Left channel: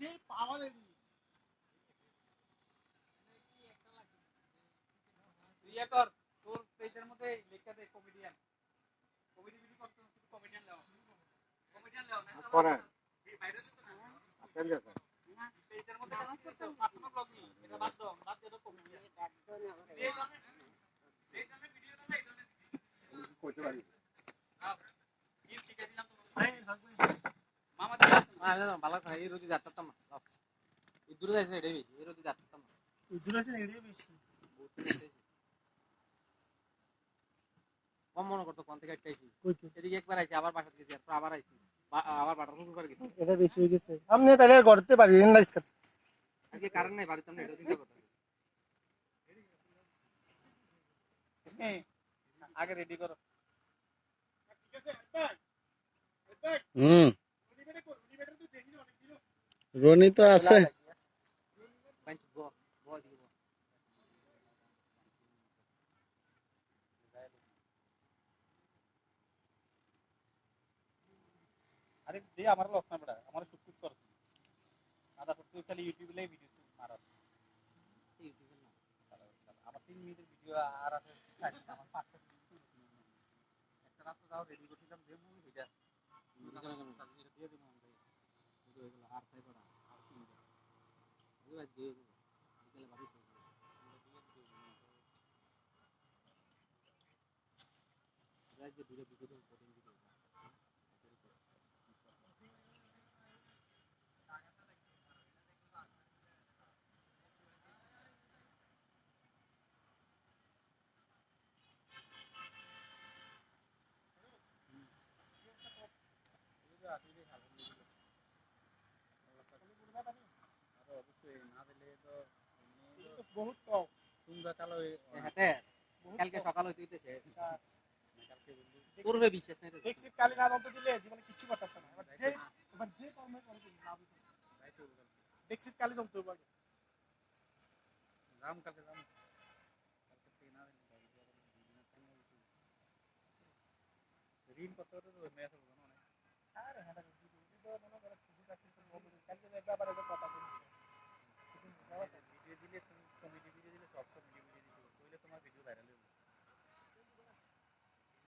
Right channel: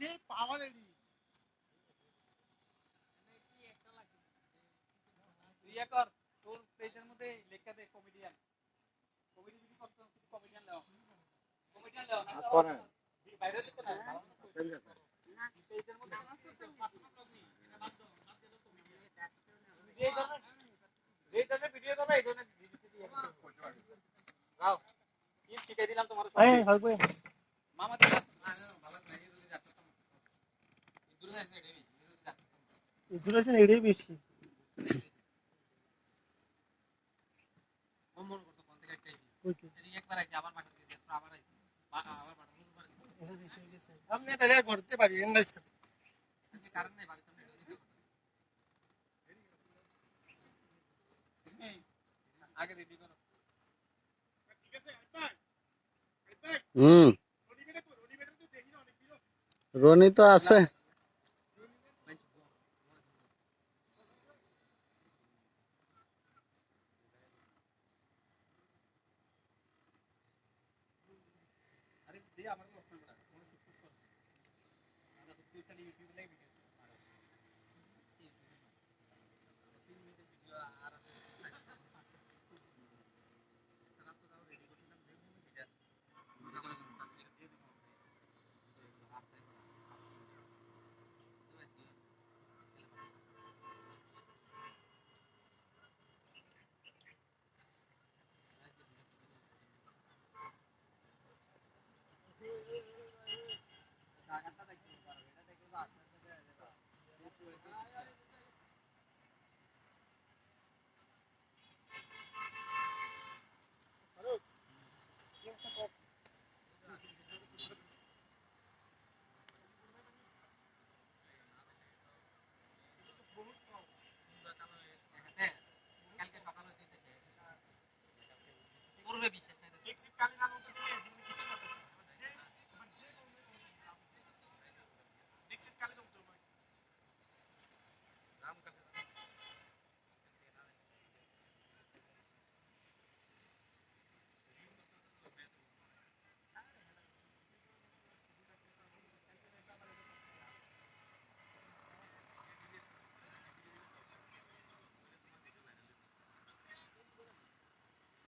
যে পাওয়ার এডি ইয়ে কর তোর পেজের মধ্যে লেখা দে কমেডিয়ান কমেডি ভিডিও করতে কিছু কমেডিয়ান দাও কমেডিয়ান দাও না করেন বাইরে যেতে না। কেন পেজের মধ্যে পাঁচটা ব্লগ নি এটা বাদ দাও বাদ দাও কমেডিয়ান এই ধরনের ভিডিও করবে এই ধরনের ভিডিও কইতে পারি দাও কি শিখাই দিলাম তোমার এই হবে মামা দিলাম ভালো খাই এই রোজি না এই দূরে যাইছে এটাই বেশি এই রোজি যাচ্তাম না ইদুরেশন এডি বেশি। কম মনে করতো কোন থেকে আইছি। এদিকে একবার আইছি আবার বাসা গেছি আবার আইছি। আবার বাটার মুখ করে গেছি। এটা বেশি হয়ে গেছে। আপনি তাহলে করতে পারি না আজকে আজকে কারণ নাই বাড়িতে আমরা এটা চিন্তা আগে রেডি করো। হুম। রনি তো আছে। আমার লস না বড়া আমার শুট শুট করছ আদা সত্যি খালি ইউটিউবে লাই ভিডিও মারা আমার তিন মিনিটের ভিডিও আর আমার পাঁচটা। একটা রাত দিয়ে দেবো আর তাই করা এবার দিয়ে তাহলে বাড়ি রাজ্যে ভিডিও ভিডিও বহুত কম। হাতে কালকে সকাল হইতে হইতে শেষ তোর উপরে বিশ্বাস নেই তো এক্সিট কালি না বলতে দিলে জীবনে করতে পারবে না। এবার যে এবার যে কর্মে করতে এক্সিট কালি জমতে হবে রাম কালকে রাম ঋণ করতে তো মেয়ে তো আর হ্যাঁ কালকে দেখবে